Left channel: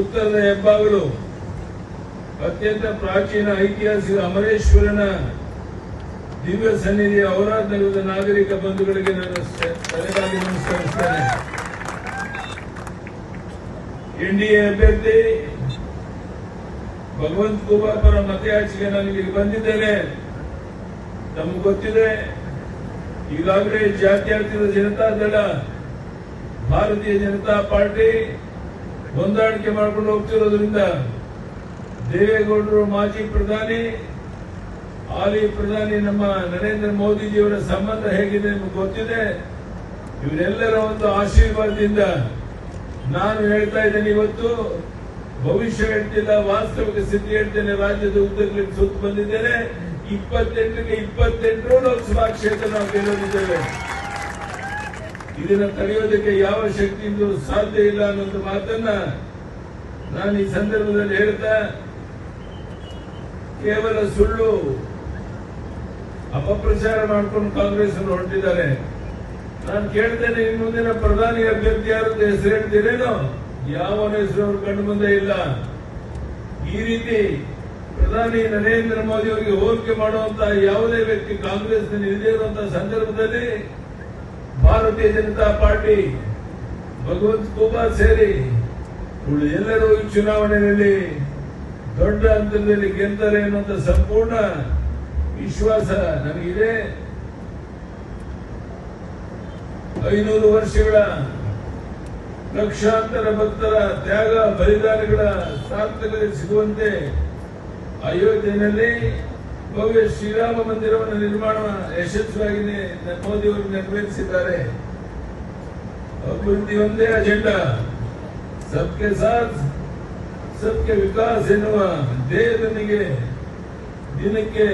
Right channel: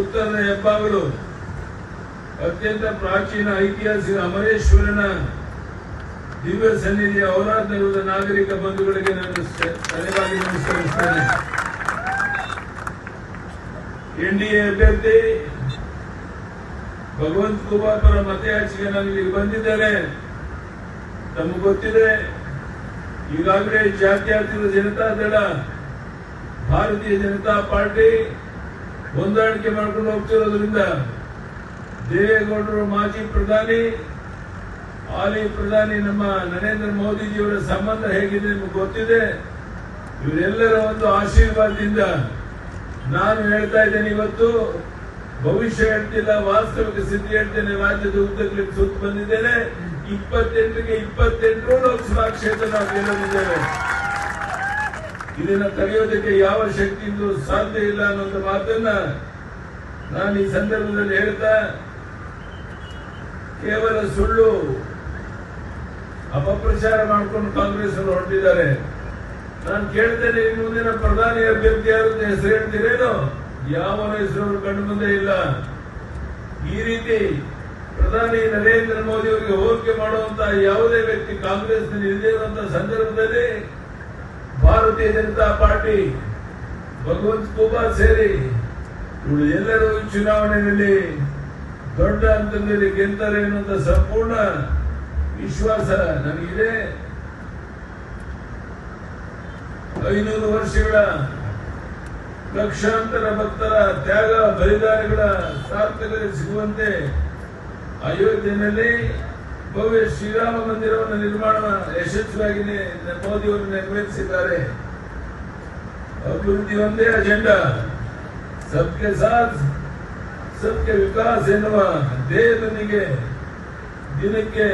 ಉತ್ತರದ ಹೆಬ್ಬಾಗಿಲು ಅತ್ಯಂತ ಪ್ರಾಚೀನ ಐತಿಹಾಸಿಕ ಅಮರೇಶ್ವರನ ದಿವ್ಯ ಸನ್ನಿಧಿಯ ಔರಾದ್ ನಾಗರಿಕ ಬಂಧುಗಳಿಗೆ ತಲೆಬಾಗಿ ನಮಸ್ಕರಿಸುತ್ತೇನೆ. ಎನ್ಡಿಎ ಅಭ್ಯರ್ಥಿ ಭಗವಂತ ಖೂಬಾ ಪರ ಮತಯಾಚಿಕೆ ನನಗೆ ಬಂದಿದ್ದಾರೆ. ತಮಗೆ ಗೊತ್ತಿದೆ, ಈಗಾಗಲೇ ಜಾತ್ಯತೀತ ಜನತಾದಳ ಭಾರತೀಯ ಜನತಾ ಪಾರ್ಟಿ ಹೊಂದಾಣಿಕೆ ಮಾಡಿಕೊಂಡು ಹೋಗ್ತಿರೋದ್ರಿಂದ ದೇವೇಗೌಡರು ಮಾಜಿ ಪ್ರಧಾನಿ, ಹಾಲಿ ಪ್ರಧಾನಿ ನಮ್ಮ ನರೇಂದ್ರ ಮೋದಿಜಿಯವರ ಸಂಬಂಧ ಹೇಗಿದೆ ನಿಮಗೆ ಗೊತ್ತಿದೆ. ಇವರೆಲ್ಲರ ಒಂದು ಆಶೀರ್ವಾದದಿಂದ ನಾನು ಹೇಳ್ತಾ ಇದ್ದೇನೆ. ಇವತ್ತು ಭವಿಷ್ಯ ಹೇಳ್ತಿಲ್ಲ, ವಾಸ್ತವಿಕ ಸ್ಥಿತಿ ಹೇಳ್ತೇನೆ. ರಾಜ್ಯದ ಉದ್ದಗಲಿ ಸುತ್ತ ಬಂದಿದ್ದೇನೆ. 28ಕ್ಕೆ 28 ಲೋಕಸಭಾ ಕ್ಷೇತ್ರ ನಾವು ಗೆಲ್ಲಲಿದ್ದೇವೆ. ಇದನ್ನು ತಡೆಯೋದಕ್ಕೆ ಯಾವ ಶಕ್ತಿಯಿಂದ ಸಾಧ್ಯ ಇಲ್ಲ ಅನ್ನೋ ಮಾತನ್ನ ನಾನು ಈ ಸಂದರ್ಭದಲ್ಲಿ ಹೇಳ್ತಾ, ಕೇವಲ ಸುಳ್ಳು ಅಪಪ್ರಚಾರ ಮಾಡಿಕೊಂಡು ಕಾಂಗ್ರೆಸ್ ಹೊರಟಿದ್ದಾರೆ. ನಾನು ಕೇಳ್ತೇನೆ, ಇನ್ನು ಮುಂದಿನ ಪ್ರಧಾನಿ ಅಭ್ಯರ್ಥಿ ಯಾರು ಹೆಸರು ಹೇಳ್ತೀರೇನೋ? ಯಾವ ಹೆಸರು ಕಂಡು ಮುಂದೆ ಇಲ್ಲ. ಈ ರೀತಿ ಪ್ರಧಾನಿ ನರೇಂದ್ರ ಮೋದಿ ಅವರಿಗೆ ಹೋಲಿಕೆ ಮಾಡುವಂತಹ ಯಾವುದೇ ವ್ಯಕ್ತಿ ಕಾಂಗ್ರೆಸ್ ಇಲ್ಲದೇ ಇರುವಂತಹ ಸಂದರ್ಭದಲ್ಲಿ ಭಾರತೀಯ ಜನತಾ ಪಾರ್ಟಿ, ಭಗವಂತ ಖೂಬಾ ಸೇರಿ ಎಲ್ಲರೂ ಈ ಚುನಾವಣೆಯಲ್ಲಿ ದೊಡ್ಡ ಹಂತದಲ್ಲಿ ಗೆಲ್ತಾರೆ ಎನ್ನುವಂತ ಸಂಪೂರ್ಣ ವಿಶ್ವಾಸ ನಮಗಿದೆ. 500 ವರ್ಷಗಳ ಲಕ್ಷಾಂತರ ಭಕ್ತರ ತ್ಯಾಗ ಬಲಿದಾನಗಳ ಸಾರ್ಥಕತೆ ಸಿಗುವಂತೆ ಅಯೋಧ್ಯೆಯಲ್ಲಿ ಭವ್ಯ ಶ್ರೀರಾಮ ಮಂದಿರವನ್ನು ನಿರ್ಮಾಣ ಯಶಸ್ವಿಯಾಗಿ ಮೋದಿಯವರು ನೆರವೇರಿಸಿದ್ದಾರೆ. ಅಭಿವೃದ್ಧಿ ಒಂದೇ ಅಜೆಂಡಾ, ಸಬ್ಕೆ ಸಾಥ್ ಸಬ್ಕೆ ವಿಕಾಸ್ ಎನ್ನುವ ಧ್ಯೇಯದೊಂದಿಗೆ ದಿನಕ್ಕೆ